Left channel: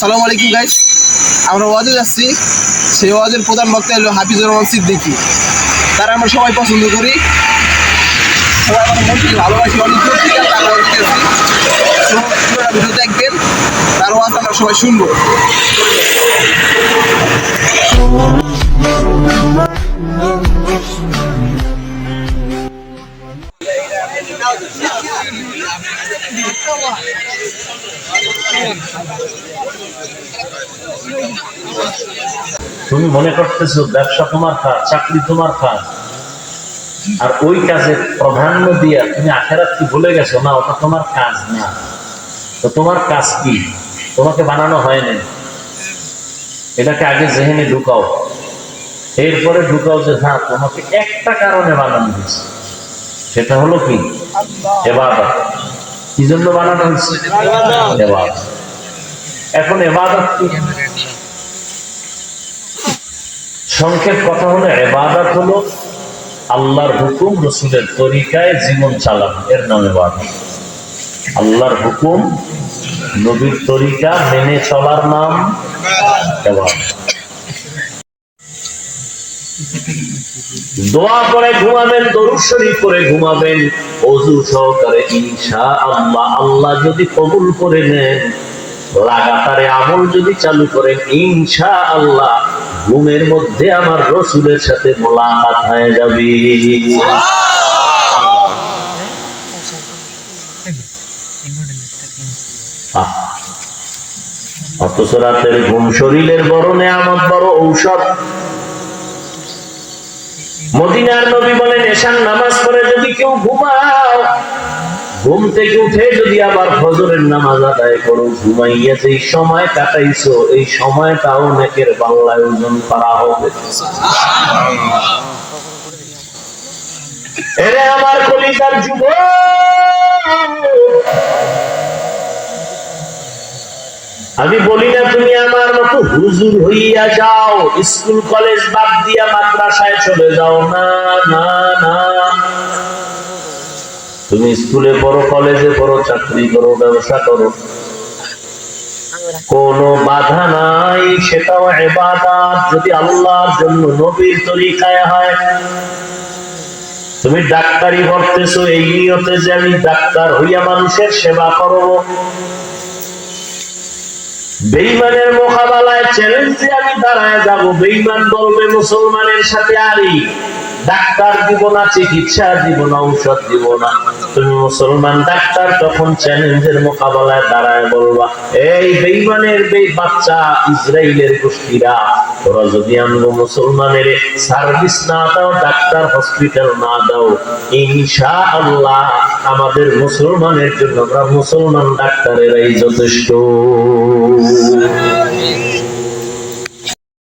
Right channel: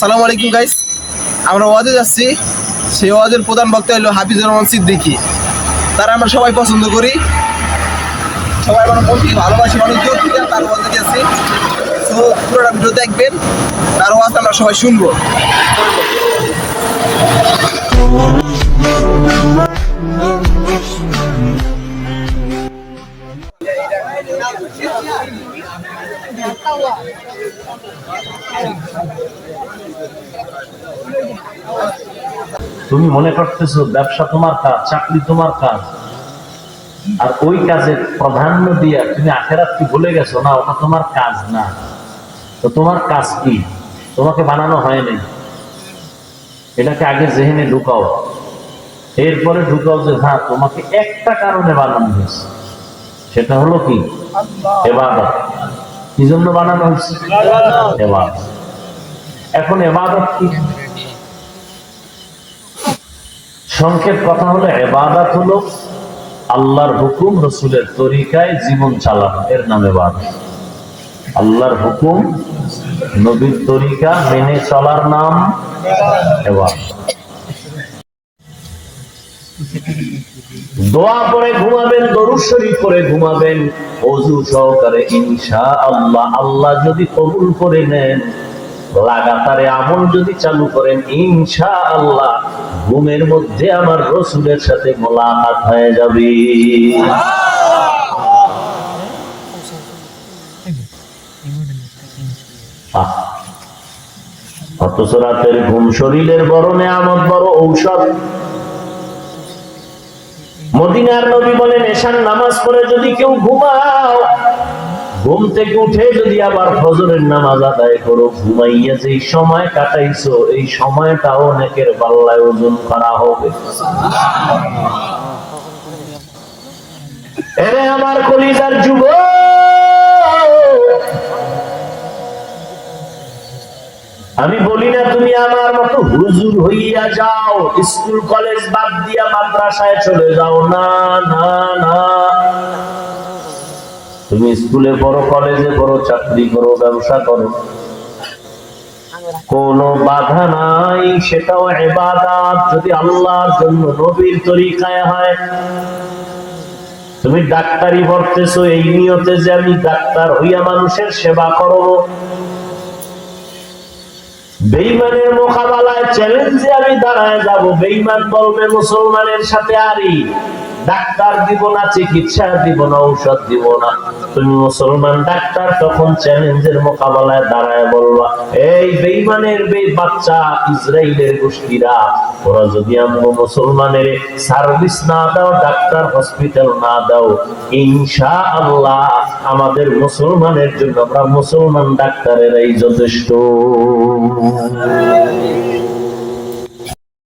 আসসালামু আলাইকুম গাইস, আমরা ওয়াজে যাচ্ছি। সেই ওয়াজের প্রধান বক্তা হলো হাফিজুর রহমান সিদ্দিকী। তারা আমরা সবাই পছন্দ করি, সবাই আমার মন্ত্রী ভালোবাসি, অনেক দূর থেকে তার ওয়াজ দিয়েছি। তো পুরোটা ভিডিও দেখবেন, তার ওয়াজ আমরা সবাই শুনবো। তুমি মনে করতেছো ব্যবসা তোমার কাজ, চাকরি তোমার কাজ, আর ওই কাজে প্রাধান্য দিয়া তুমি আখেরাত কি ভুলে গেছো? না, ওটা তোমার কাজ না। তো তোমার কাজ কি? তোমাকে বানানো হয়নি, এটাকে আগে জেহেনে ঢুকাও, এরপরে ঢুকাও যে হ্যাঁ তোমাকে একটা কারণে বানানো হয়েছে, সেটা হলো কি? ইবাদত। কি জন্য বানানো হয়েছে? ইবাদত। এখন ইবাদত কি? সংক্ষেপ কথা হলো, ইবাদত হলো আল্লাহর হুকুম রসুলের তরিকায় জীবন চালানো, এর নাম ইবাদত। আল্লাহর হুকুম নবীর তরিকা মেনে চলার নাম ইবাদত। দোয়া করে ঘুমাবেন, দরুদ শরীফ করে ঘুমাবেন, ওযু সহকারে ইনশাআল্লাহ। আল্লাহ যদি কবুল করে নেন, লাগাতারে আমল যদি চালু করেন, ইনশাআল্লাহ ঘুমের মধ্যে আমার রসুলের সাথে মোলাকাত হয়ে যাবে। অথচ রাতের ঘুম শরীরের বড় নেয়ামত, বড় ঔষধ। মদিনার নবী বলেন, এশার নামাজ পড়ে যদি কেউ ঘুমাও, ঘুম থেকে উঠে যদি আবার ফজরের নামাজ আদায় করো, ঘুমাইয়া যেই সময় কাটাইছো এই সময়টাও নেকের পাল্লায় ওজন করা হবে। এরে আমার কলিজার যুবক, আমি বলি না তুমি আমার মতো হুজুর হইয়া যাও, স্কুল কলেজ বাদ দিয়া মাদ্রাসায় চলে যাও, না না না। তুমি স্কুলে পড়ো, কলেজে পড়ো, চাকরি করো, ব্যবসা করো, কোনো বাধা নাই, সেটাও ইবাদত যদি আল্লাহর জন্য নবীর তরিকায় হয়। তুমি ডাক্তারি পড়তেছো এই নিয়তে যে আমি ডাক্তার হইয়া মানুষের সেবা করব, বেঈমানের মোকাবেলায় চ্যালেঞ্জে আমি দাঁড়ায় যাব। বেঈমান বলবে মুসলমানের সাথে আরি, ডাক্তার দিব না, চিকিৎসা দিব না, ঔষধ দিব না। তুমি মুসলমান ডাক্তার, তখন চ্যালেঞ্জের মোকাবেলায় দাঁড়ায় বলবা, এই বেঈমানের বাচ্চা ইসরায়েলের গোষ্ঠীরা, ওরা যদি আমরা মুসলমানের সার্ভিস না দাও, ডাক্তার হসপিটাল না দাও, ইনশাআল্লাহ আমাদের মুসলমানের জন্য আমরা মুসলমান ডাক্তারেরাই যথেষ্ট।